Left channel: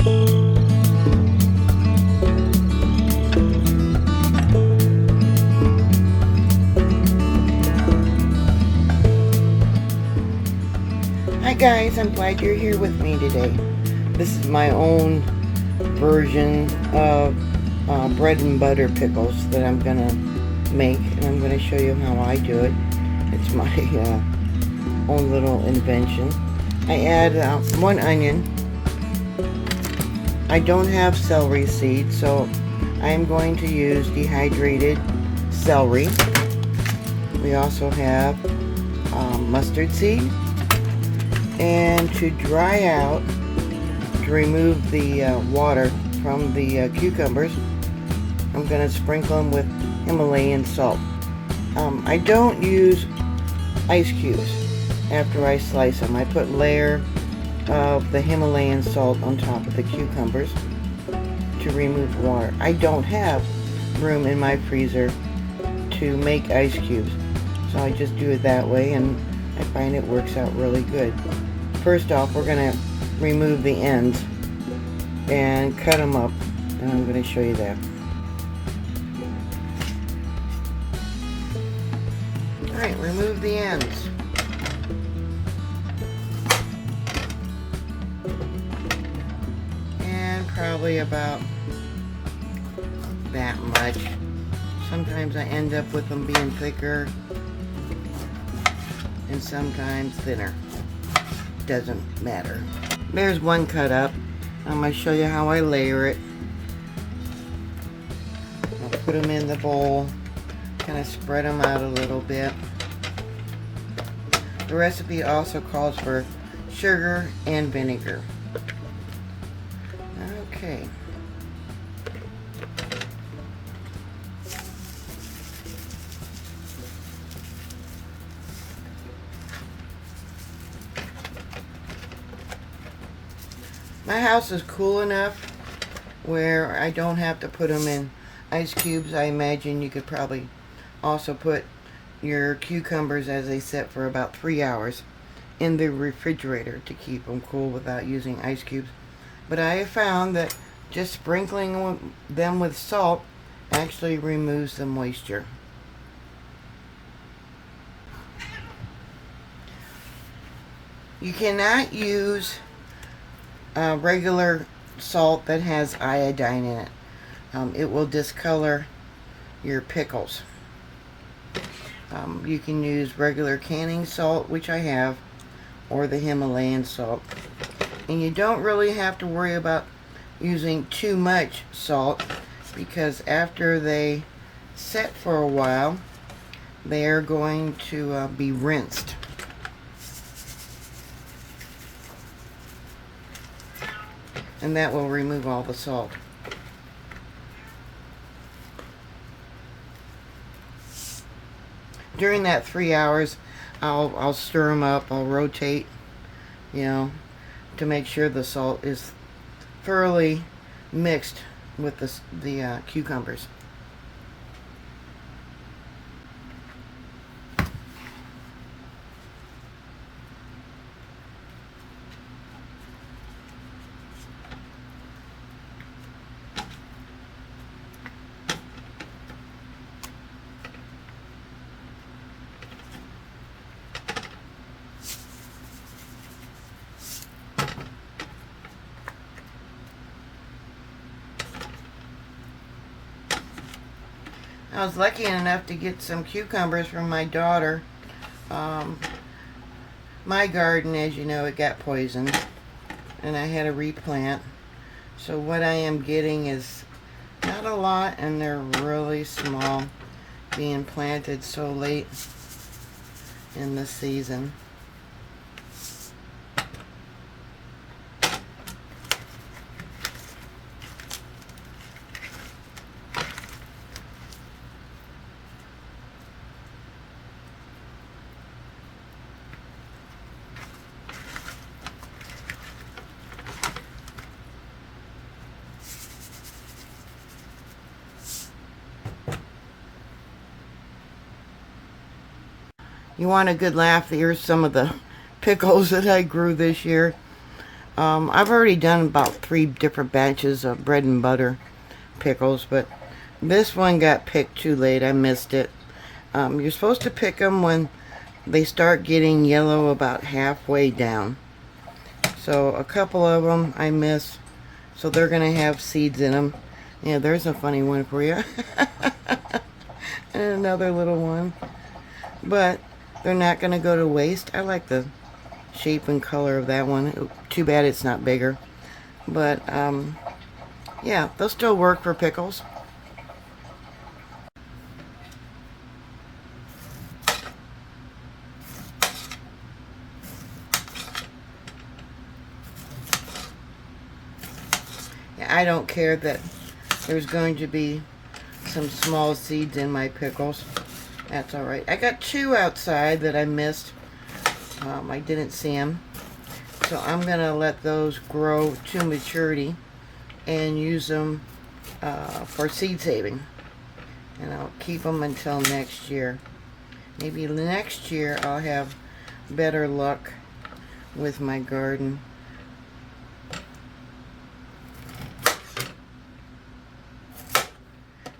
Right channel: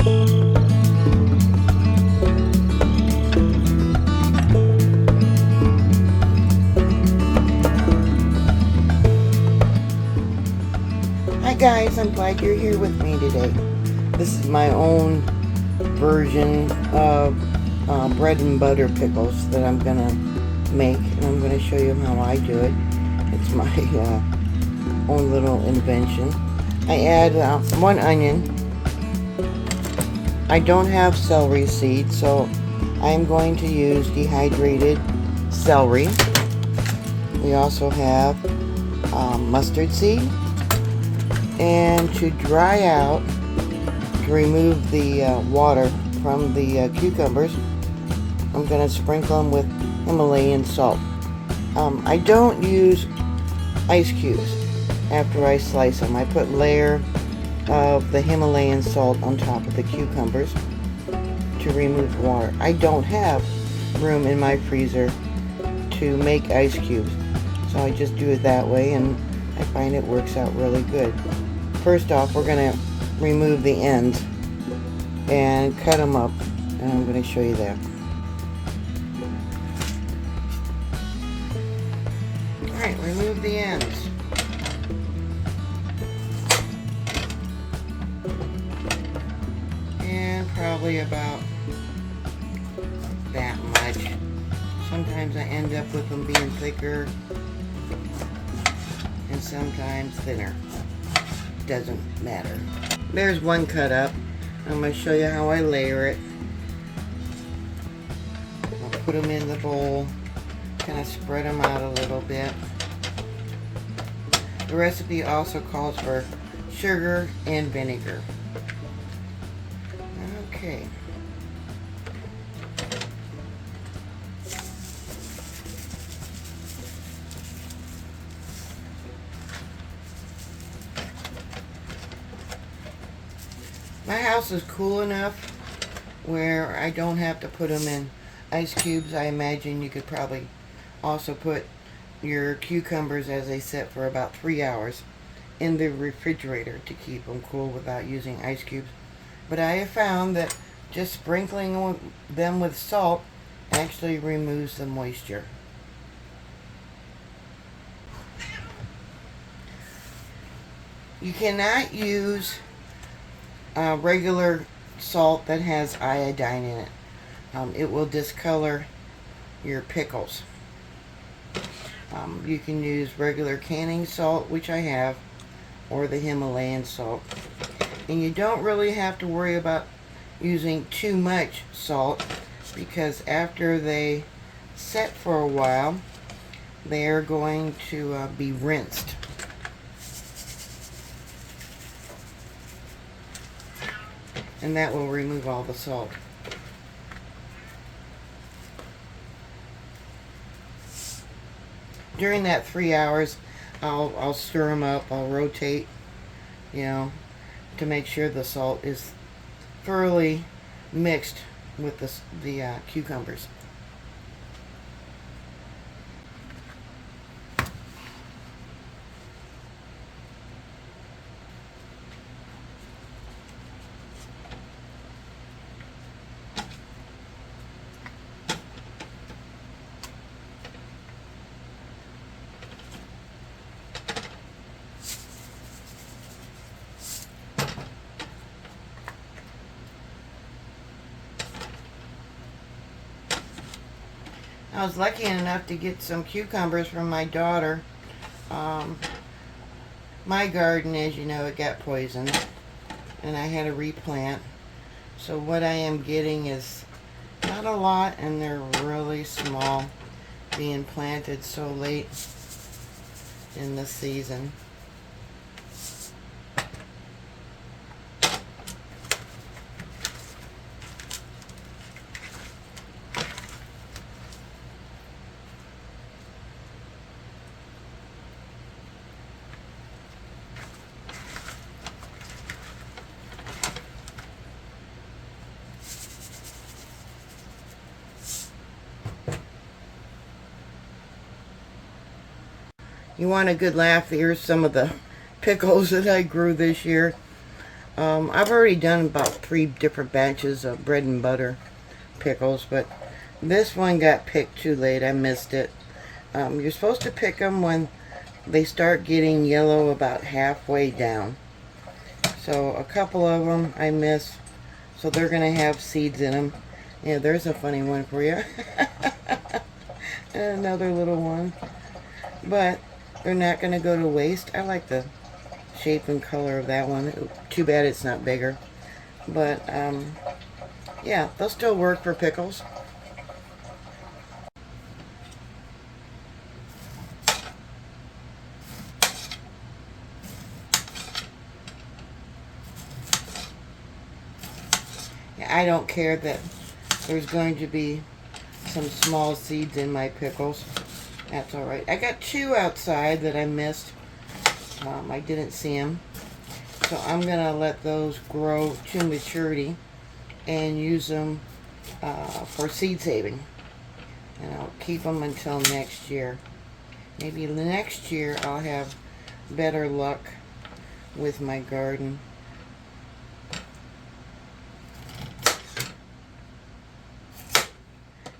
Hi guys, I'm glad you're here with me today. This is my own version of bread and butter pickles that I'm gonna make, and I'm gonna show you how I do it. It's my own little invention. I add 1 onion. I don't have celery seeds, so I am going to use dehydrated celery. We also have mustard seed. And to dry out, to remove the water from the cucumbers, I'm going to sprinkle them with Himalayan salt. I don't use ice cubes after I slice them. I put a layer of the Himalayan salt on top of the cucumbers to remove water. I don't have room in my freezer to make ice cubes, so I just do it that way, and I find it works out really good. First off, we're going to remove the ends and cut them up, and I'm going to show you that. Alright, remove the ends. And probably about that much. Sometimes I end up with them being thicker and sometimes thinner. Doesn't matter. There's one cut up. I'm going to show you how I layer it. I'll put them in the bowl, kind of spread them out a little bit. The recipe also calls for sugar and vinegar. Okay. My house is cool enough where I don't have to put them in ice cubes. I imagine you could probably also put your cucumbers as they sit for about 3 hours in the refrigerator to keep them cool without using ice cubes. But I have found that just sprinkling them with salt actually removes the moisture. You cannot use regular salt that has iodine in it. It will discolor your pickles. You can use regular canning salt, which I have, or the Himalayan salt. And you don't really have to worry about using too much salt, because after they set for a while, they are going to be rinsed. And that will remove all the salt. During that 3 hours, I'll stir them up. I'll rotate, to make sure the salt is thoroughly mixed with the cucumbers. I was lucky enough to get some cucumbers from my daughter. My garden, as you know, it got poisoned, and I had to replant. So what I am getting is not a lot, and they're really small, being planted so late in the season. You want a good laugh? Here's some of the pickles that I grew this year. I've already done about 3 different batches of bread and butter pickles, but this one got picked too late. I missed it. You're supposed to pick them when they start getting yellow about halfway down. So a couple of them I missed, so they're going to have seeds in them. Yeah, there's a funny one for you. And another little one. But they're not going to go to waste. I like the shape and color of that one. Too bad it's not bigger. But, yeah, they'll still work for pickles. I don't care that there's going to be some small seeds in my pickles. That's alright. I got 2 outside that I missed. I didn't see them. So I'm going to let those grow to maturity and use them for seed saving. And I'll keep them until next year. Maybe next year I'll have better luck with my garden.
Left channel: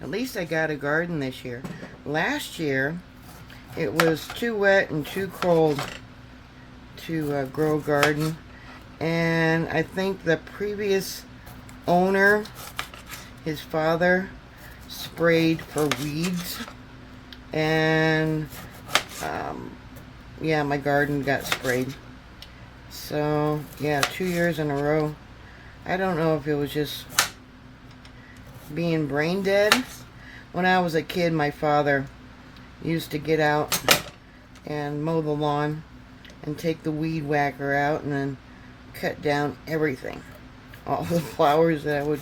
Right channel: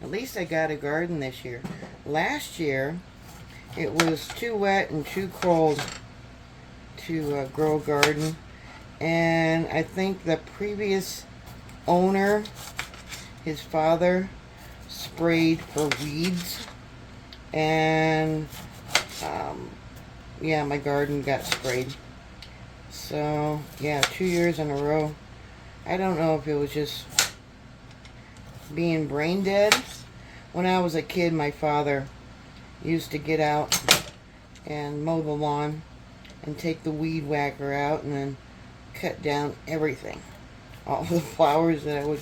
At least I got a garden this year. Last year, it was too wet and too cold to grow a garden. And I think the previous owner, his father, sprayed for weeds. And, yeah, my garden got sprayed. So, yeah, 2 years in a row. I don't know if it was just being brain dead. When I was a kid, my father used to get out and mow the lawn and take the weed whacker out and then cut down everything. All the flowers that would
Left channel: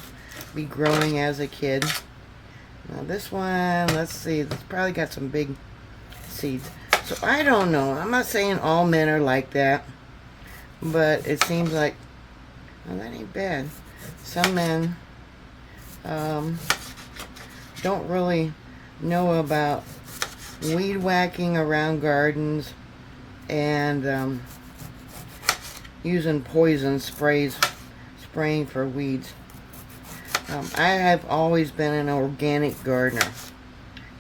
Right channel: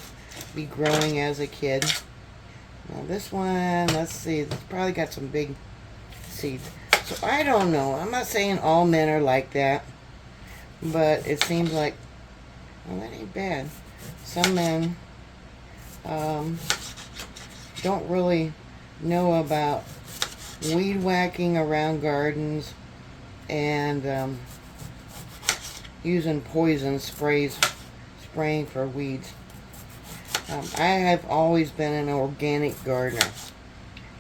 be growing as a kid. Now this one, let's see, it's probably got some big seeds. So I don't know. I'm not saying all men are like that, but it seems like, well, that ain't bad. Some men don't really know about weed whacking around gardens and using poison spraying for weeds. I have always been an organic gardener.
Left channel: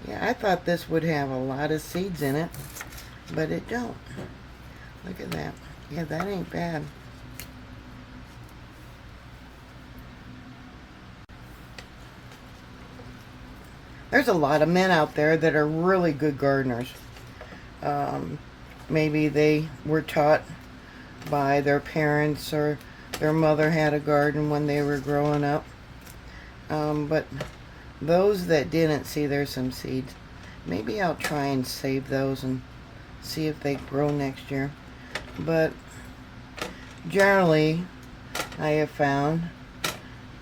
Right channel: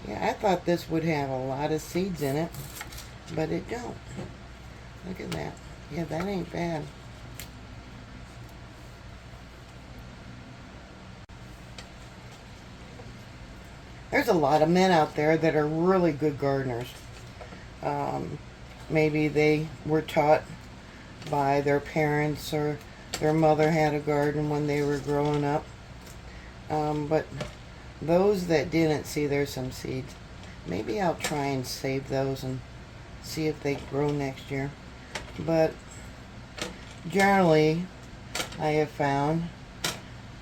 Yeah, I thought this would have a lot of seeds in it, but it don't. Look at that. Yeah, that ain't bad. There's a lot of men out there that are really good gardeners. Maybe they were taught by their parents or their mother had a garden when they were growing up. But those that didn't, see, there's some seeds. Maybe I'll try and save those and see if they grow next year. But generally, I have found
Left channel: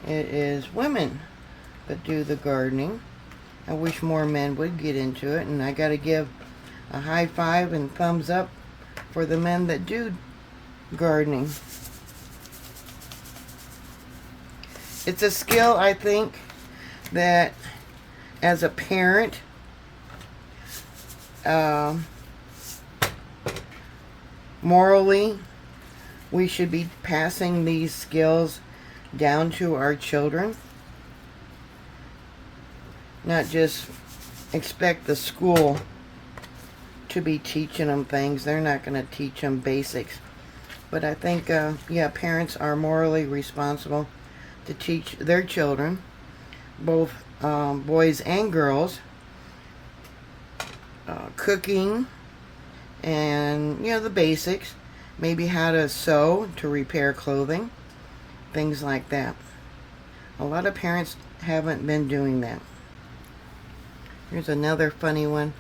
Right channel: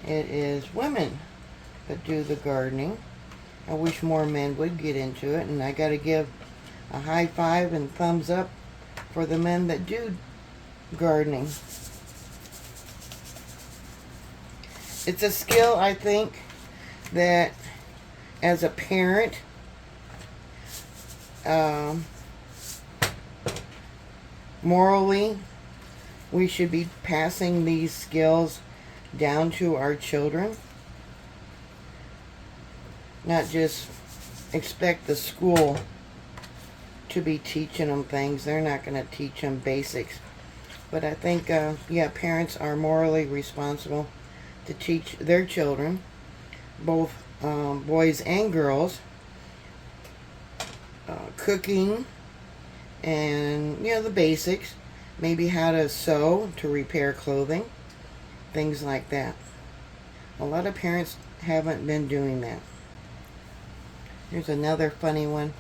it is women that do the gardening. I wish more men would get into it, and I got to give a high five and thumbs up for the men that do gardening. It's a skill, I think, that as a parent, morally, we should be passing these skills down to our children. Not just expect the school to be teaching them things. They're not going to teach them basics. But I think, yeah, parents are morally responsible to teach their children, both boys and girls, cooking and, you know, the basics. Maybe how to sew, to repair clothing, things like that. A lot of parents haven't been doing that. Here's another funny one.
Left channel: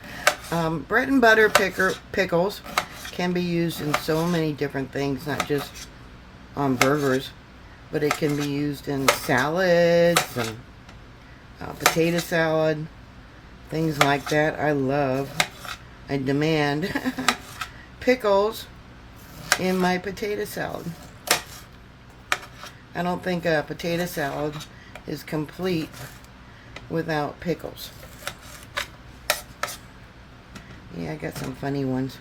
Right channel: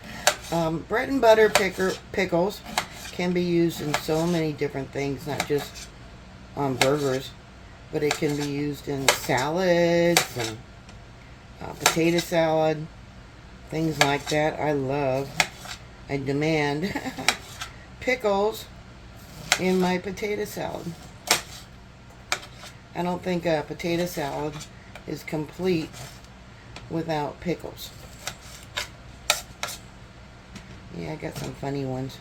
Bread and butter pickles can be used in so many different things, not just on burgers, but it can be used in salads and potato salad, things like that. I demand pickles in my potato salad. I don't think a potato salad is complete without pickles. Yeah, I got some funny ones.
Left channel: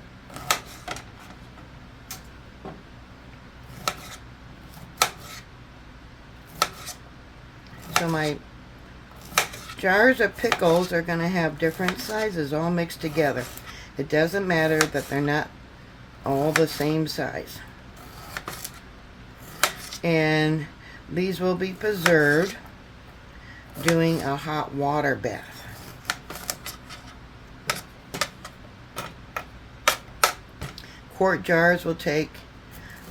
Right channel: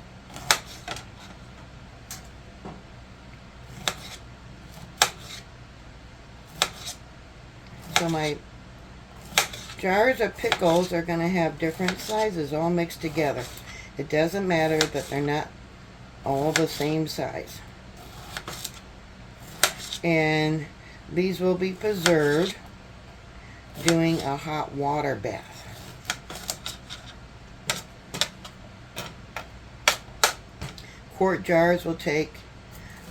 So my jars of pickles are going to have different sizes all mixed together. It doesn't matter that they're not all the same size. And these will be preserved doing a hot water bath. Quart jars will take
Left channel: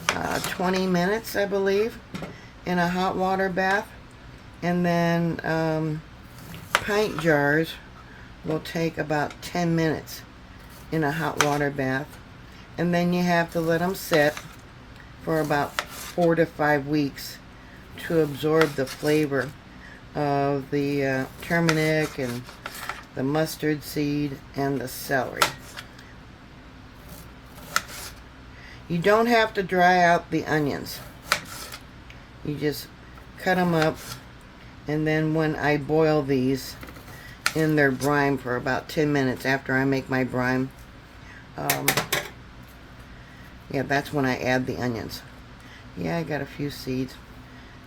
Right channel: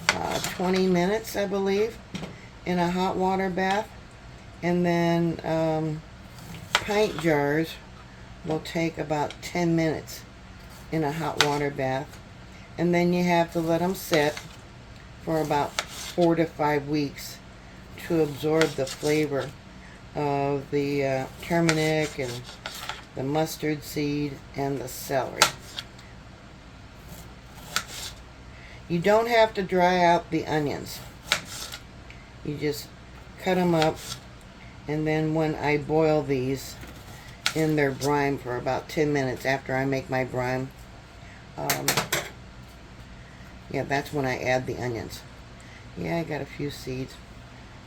20 minutes, I believe, in a hot water bath. And then pint jars will take about 10 minutes in a hot water bath. And then you have to let them sit for about 4 to 5 weeks to absorb the flavor of the turmeric and the mustard seed and the celery. You don't have to dry out the onions. You just cut them up, and then when I boil these in their brine for about 10 minutes after I make my brine, yeah, that's when I add the onions. Yeah, I got a few seeds.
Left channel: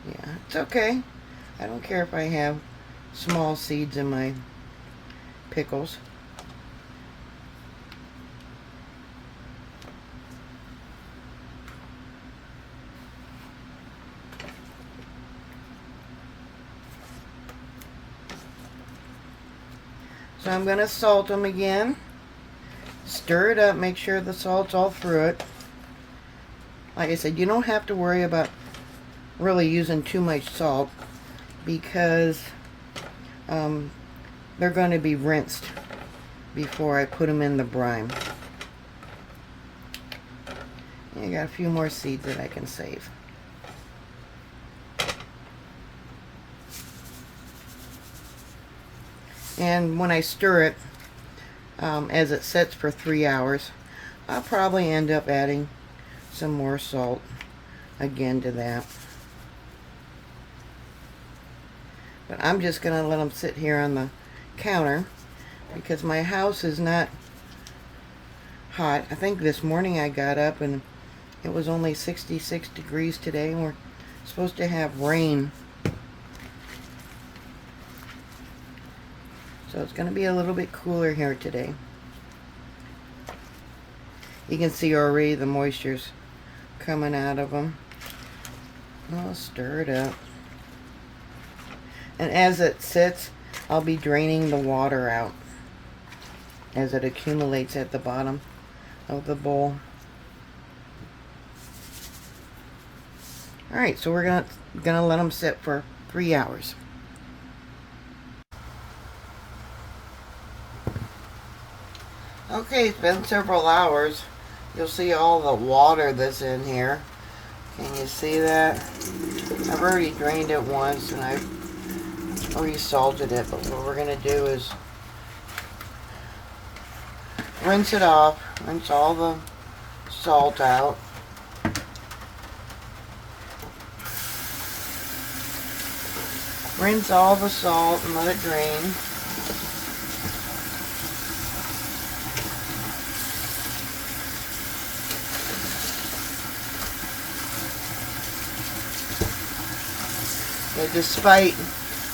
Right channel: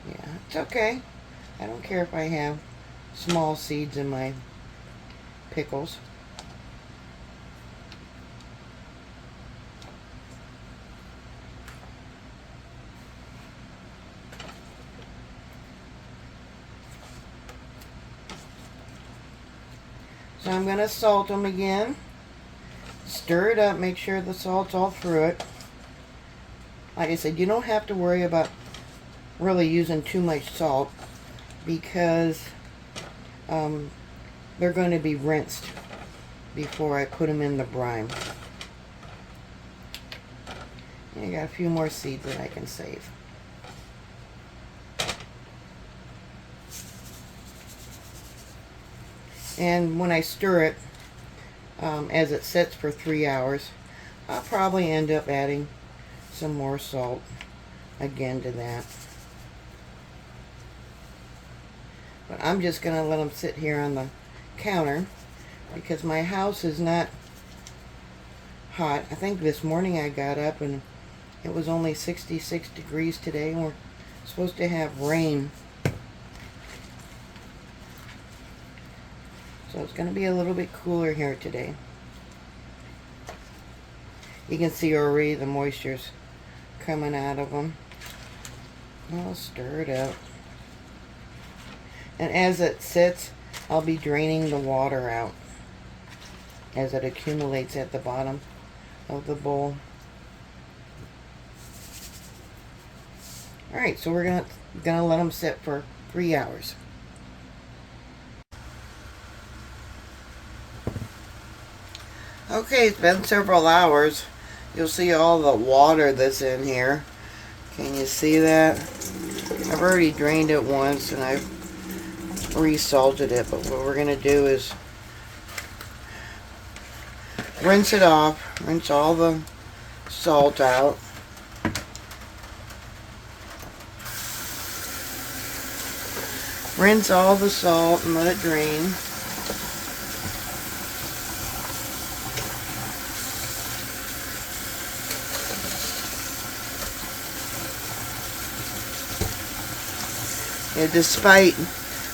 Yeah, it's okay. I don't care if I have small seeds in my pickles. So I'm going to salt them again. Stir it up, make sure the salt's all through it. Like I said, you don't have to worry about really using too much salt because they're going to be rinsed before I put them in the brine. I got a few more seeds that I can save. And when I stir it, as it sits for 3 hours, I'll probably end up adding some more salt again to that. But I'm just going to let them sit here on the counter because my house is not hot. I think this morning I got up and it was only 66 degrees today, and we're supposed to have rain. So it's going to be a little bit cooler here today. You can see already the moisture's coming out of them. I'll stir it up. And as it sits, I'll be draining the water out as it accumulates at the bottom of the bowl. Alright, so we're gonna let them sit for 3 hours. Okay, it's been several hours. You'll see all the water that's in here. Can you see that? I've already drained it once and I've re-salted it, but what we're going to do is rinse it off, rinse all the salt out. Rinse all the salt and let it drain. And despite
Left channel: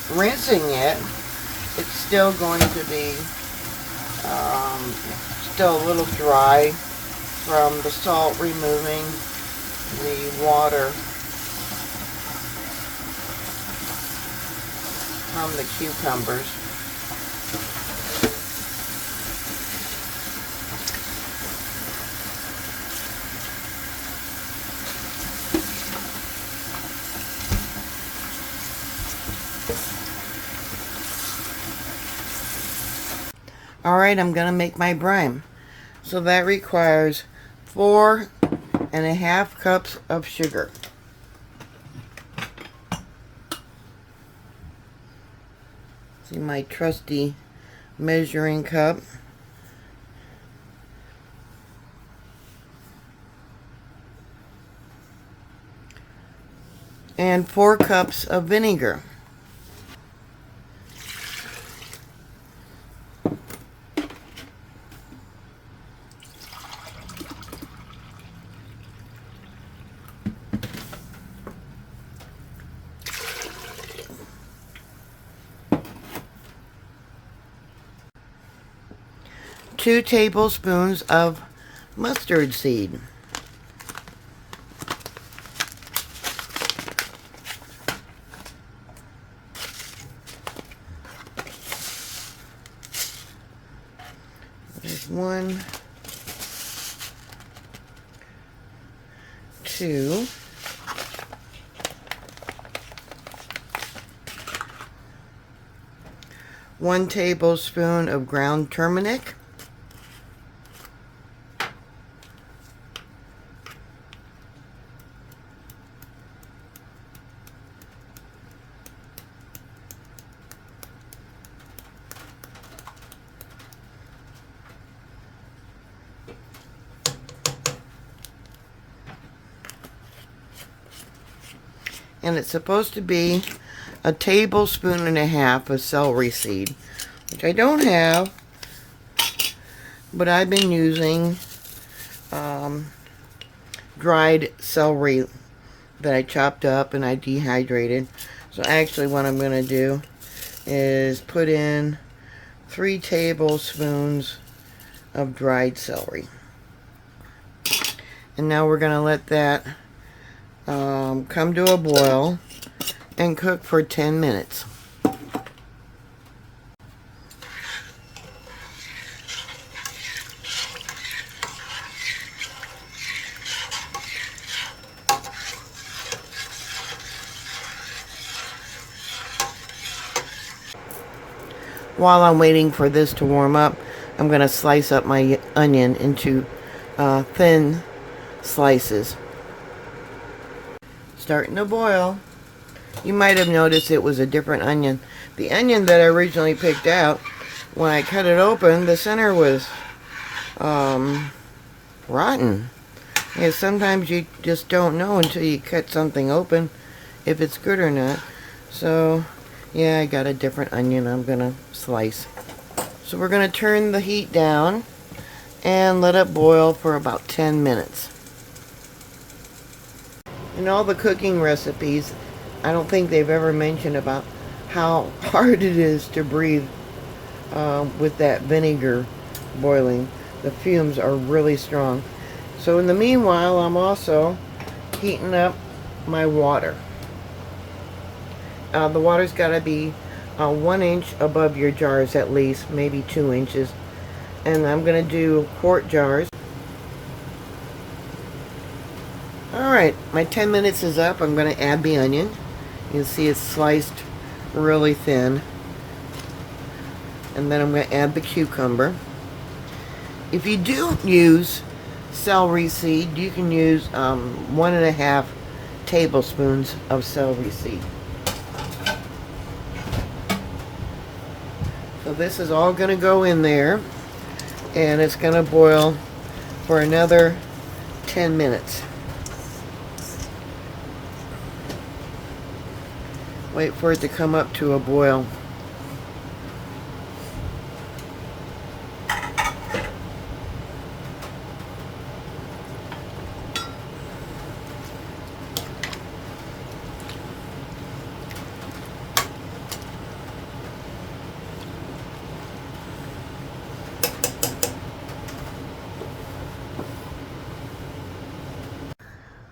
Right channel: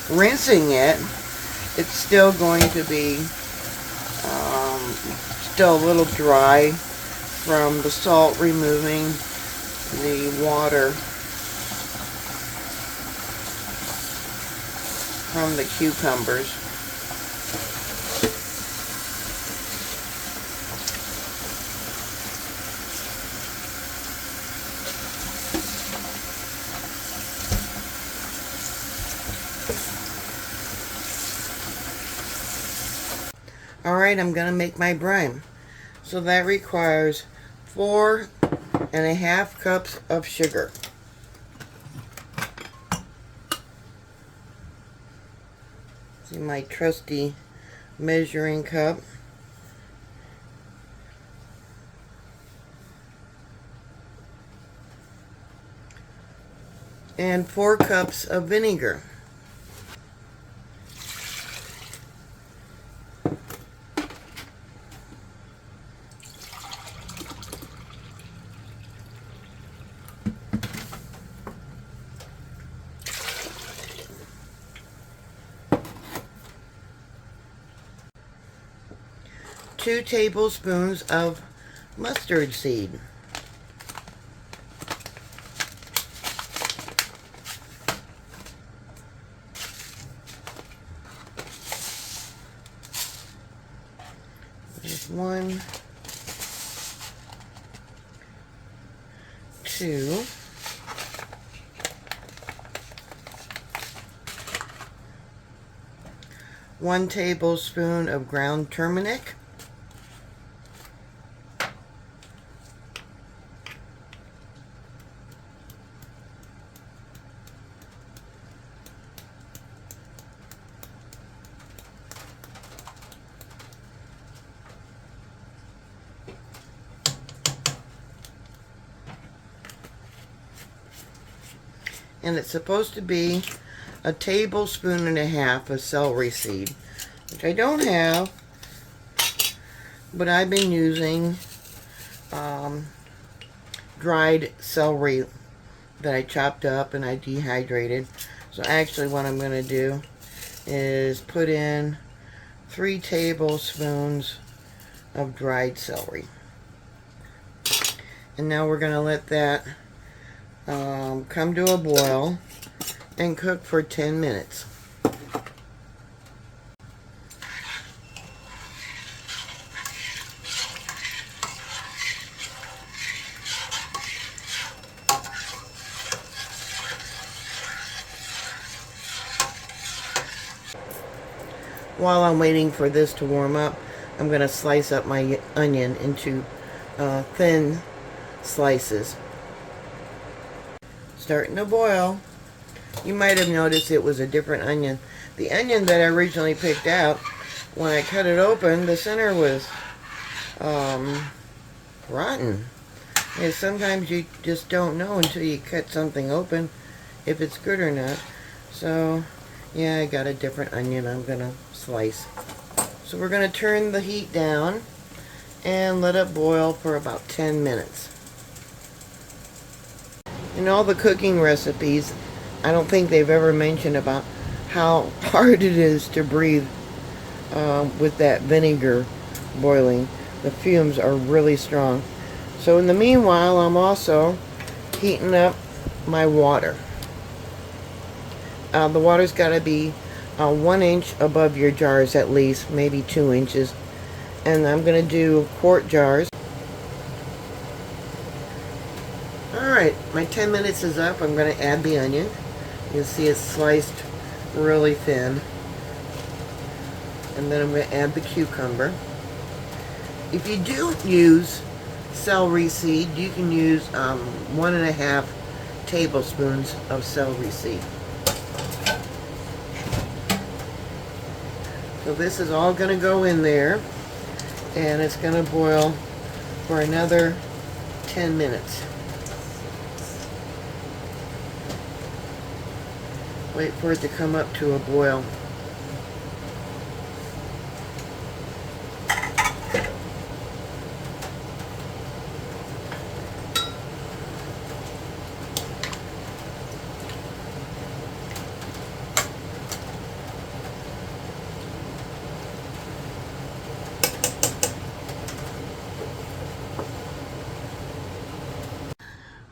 rinsing it, it's still going to be still a little dry from the salt removing the water from the cucumbers. Alright, I'm going to make my brine. So that requires 4.5 cups of sugar. See my trusty measuring cup. And 4 cups of vinegar. 2 tablespoons of mustard seed. There's 1, 2, 1 tablespoon of ground turmeric, and it's supposed to be 1.5 tablespoons of celery seed, which I don't have, but I've been using dried celery that I chopped up and I dehydrated. So actually what I'm going to do is put in 3 tablespoons of dried celery. And now we're going to let that come to a boil and cook for 10 minutes. While I'm waiting for this to warm up, I'm going to slice up my onion into thin slices. Starting to boil. You might have noticed it was a different onion. The onion that I originally picked out, when I cut it open, the center was rotten. Because sometimes you just don't know until you cut something open if it's good or not. So yeah, I got a different onion I'm gonna slice. So we're gonna turn the heat down and let it boil for about 10 minutes. In all the cooking recipes, I don't think they've ever mentioned about how hard it is to breathe with that vinegar boiling. The fumes are really strong. So in the meanwhile, I'm also heating up my water. The water's got to be 1 inch above your jars at least, maybe 2 inches. And I'm going to do quart jars. Alright, my 10 minutes is up. I'm going to add the onion. You can see it's sliced really thin. And then I'm going to add the cucumber. If you do use celery seed, you can use 1.5 tablespoons of celery seed. So this is all going to go in there, and it's going to boil for another 10 minutes. Wait for it to come up to a boil.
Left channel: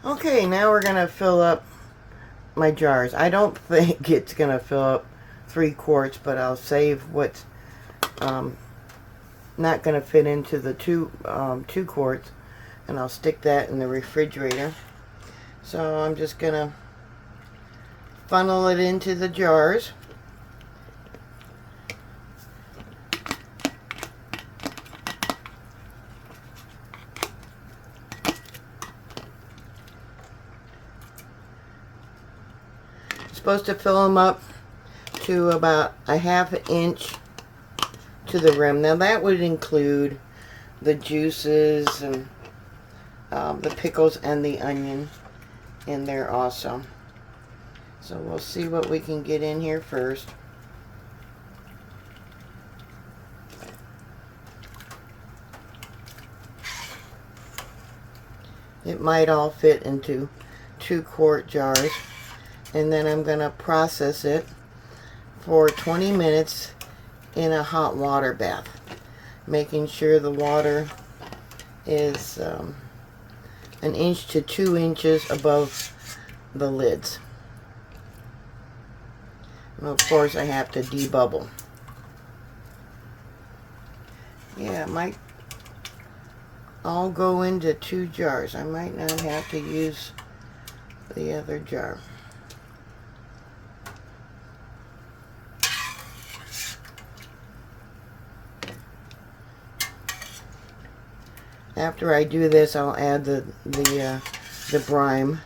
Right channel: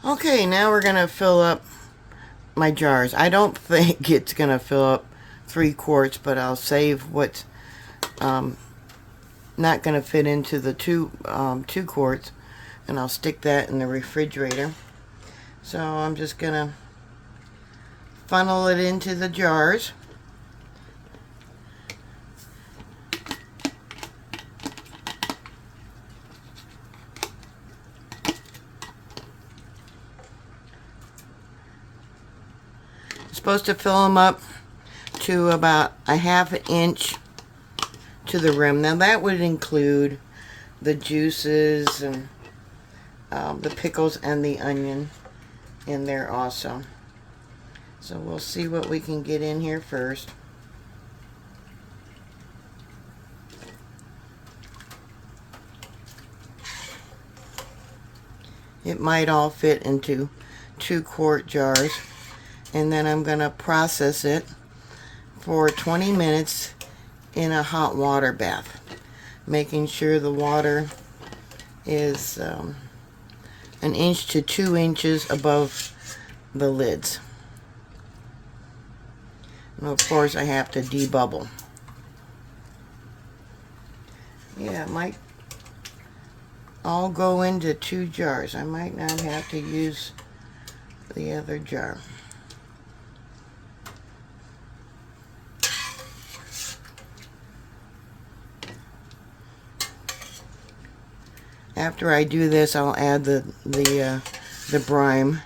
Okay, now we're going to fill up my jars. I don't think it's going to fill up 3 quarts, but I'll save what's not going to fit into the 2 quarts, and I'll stick that in the refrigerator. So I'm just going to funnel it into the jars. Supposed to fill them up to about 1/2 inch to the rim. Now that would include the juices and the pickles and the onion in there also. So we'll see what we can get in here first. It might all fit into 2 quart jars. And then I'm going to process it for 20 minutes in a hot water bath. making sure the water is 1 to 2 inches above the lids. And of course I have to debubble. Yeah, it might all go into 2 jars. I might not have to use the other jar. After I do this, I'll add the brine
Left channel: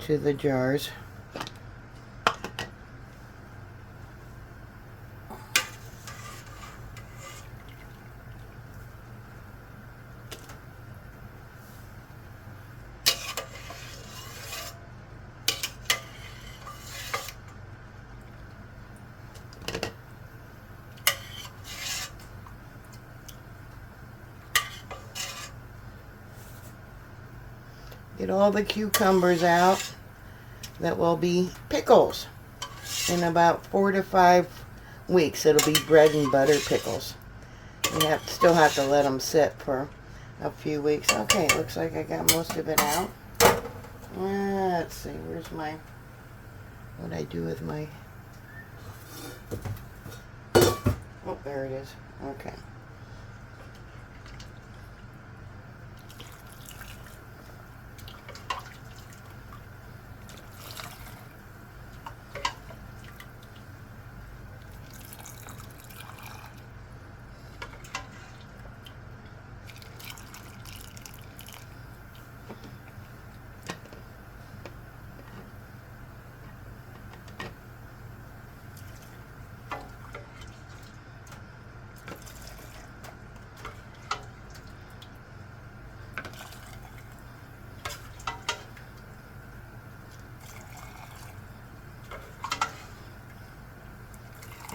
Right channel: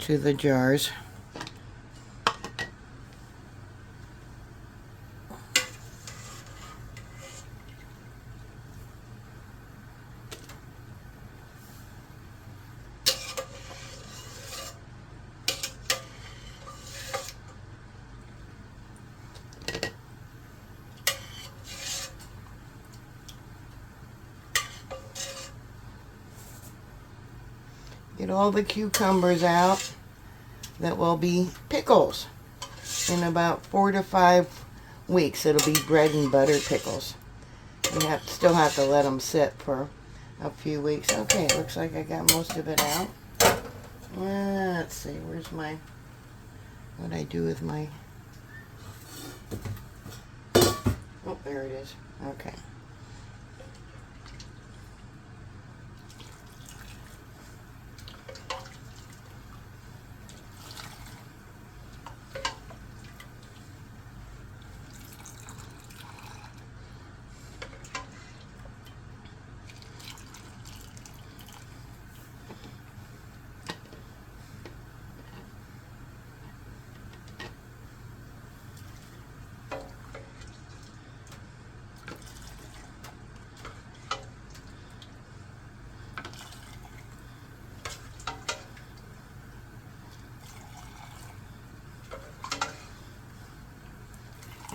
to the jars. Get all the cucumbers out that will be pickles. In about 4 to 5 weeks, it'll be bread and butter pickles. You still have to let them sit for a few weeks. Okay, looks like I got most of it out. Let's see, where's my, what'd I do with my, oh, there it is. Okay.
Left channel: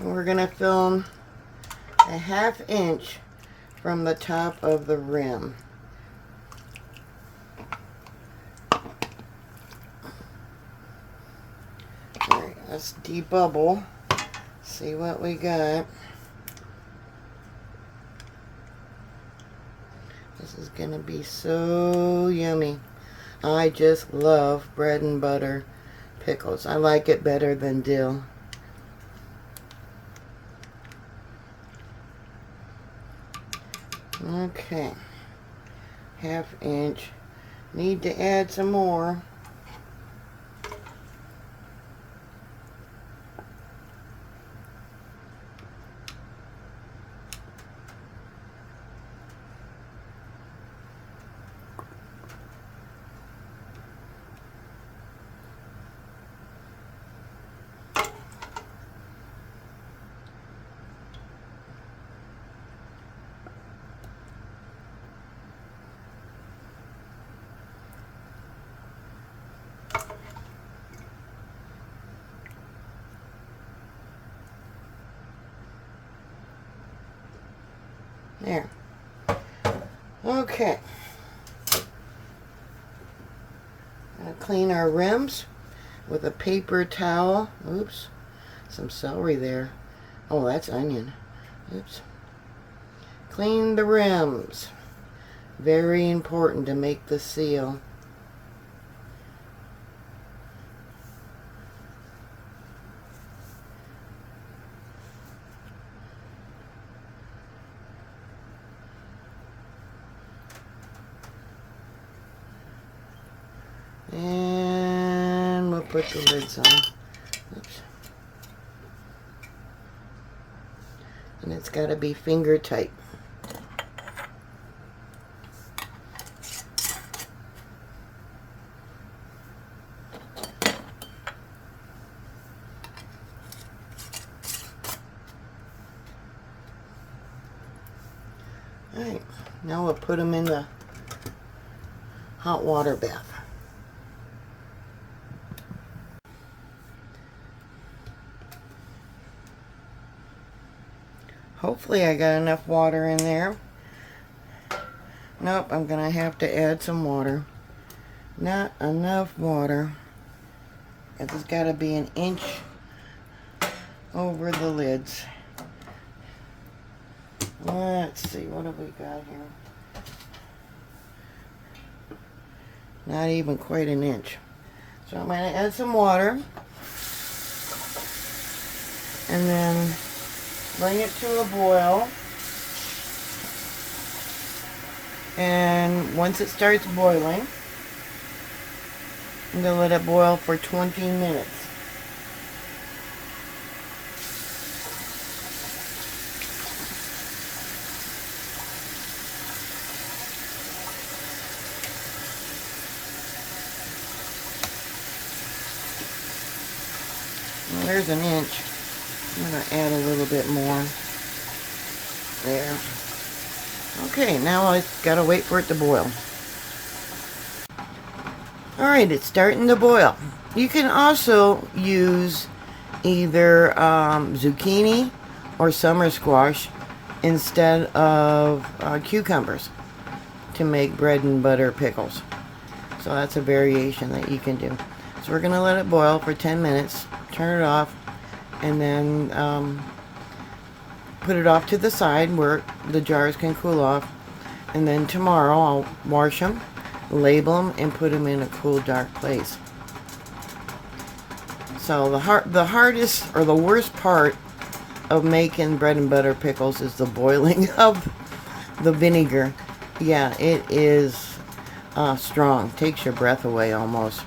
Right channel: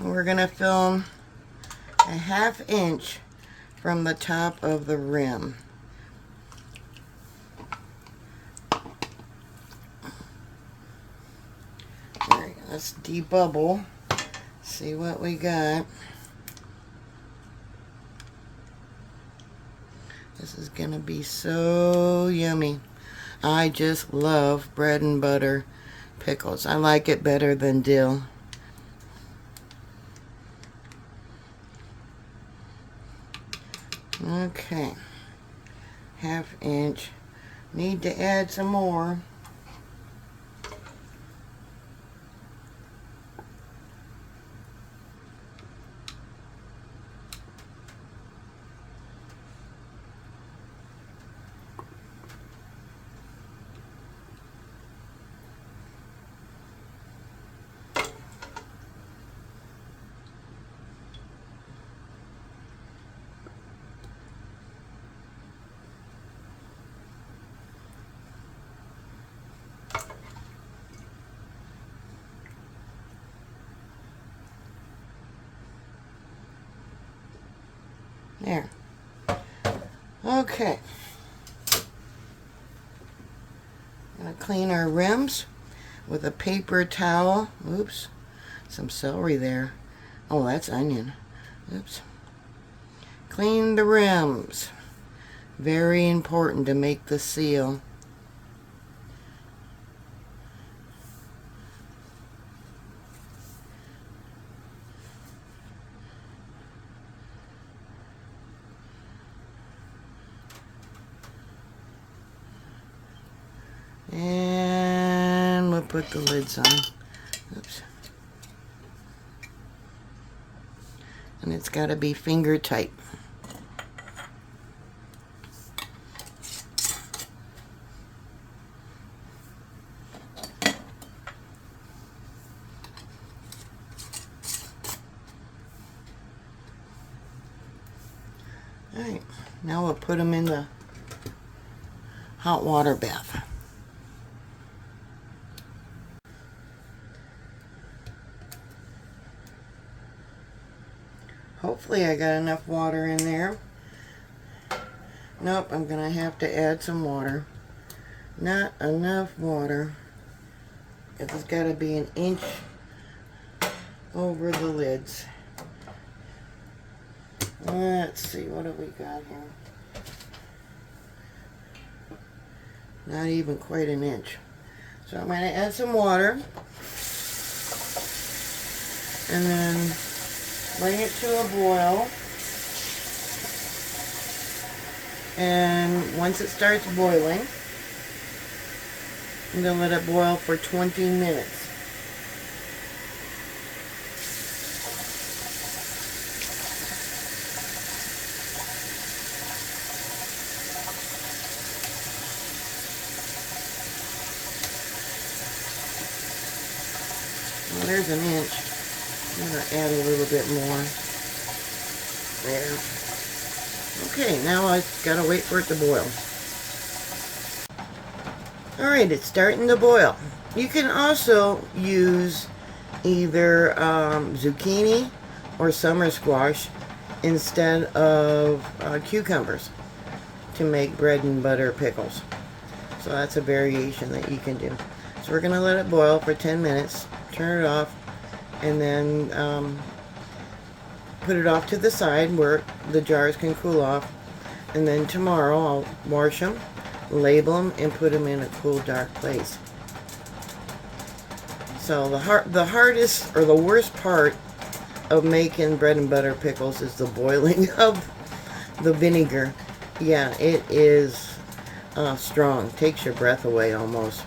We're going to film a 1/2 inch from the top of the rim. Alright, let's debubble. See what we got. This is going to be so yummy. I just love bread and butter pickles. I like it better than dill. Okay, 1/2 inch. Need to add some more. There. Okay. I'm going to clean our rims with a paper towel. Oops. Some celery there. Oh, that's onion. Oops. Clean the rims. Very important to make the seal. And we'll put the lids on. Oops. And it's got to be finger tight. Alright, now we'll put them in the hot water bath. Hopefully I got enough water in there. Nope, I'm going to have to add some water. Not enough water. It's got to be 1 inch over the lids. Let's see, what have we got here? Not even quite an inch. So I'm going to add some water. And then bring it to a boil. And once it starts boiling, I'm going to let it boil for 20 minutes. Well, there's an inch. I'm going to add a little bit more. There. Okay, now I've got to wait for it to boil. Alright, it's starting to boil. You can also use either zucchini or summer squash instead of cucumbers to make bread and butter pickles. So that's a variation that you can do. So we're going to let it boil for 10 minutes, turn it off, and then put it off to the side where the jars can cool off. And then tomorrow I'll wash them, label them, and put them in a cool, dark place. So the hardest or the worst part of making bread and butter pickles is the boiling of the vinegar. Yeah, it is strong. Takes your breath away almost.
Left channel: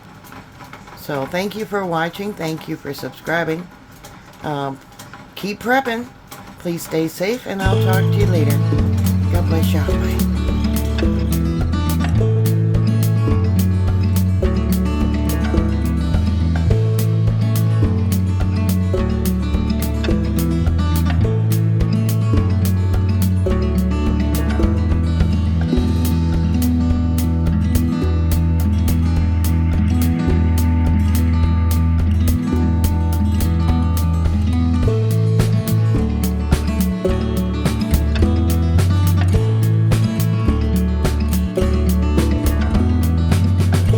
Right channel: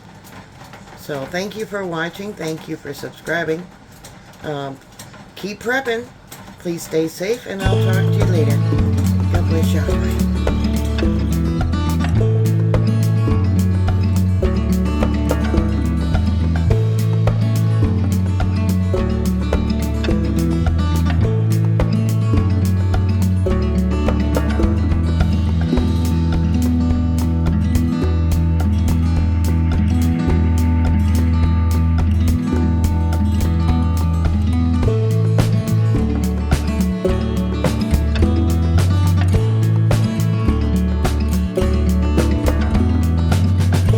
So thank you for watching. Thank you for subscribing. Keep prepping. Please stay safe, and I'll talk to you later.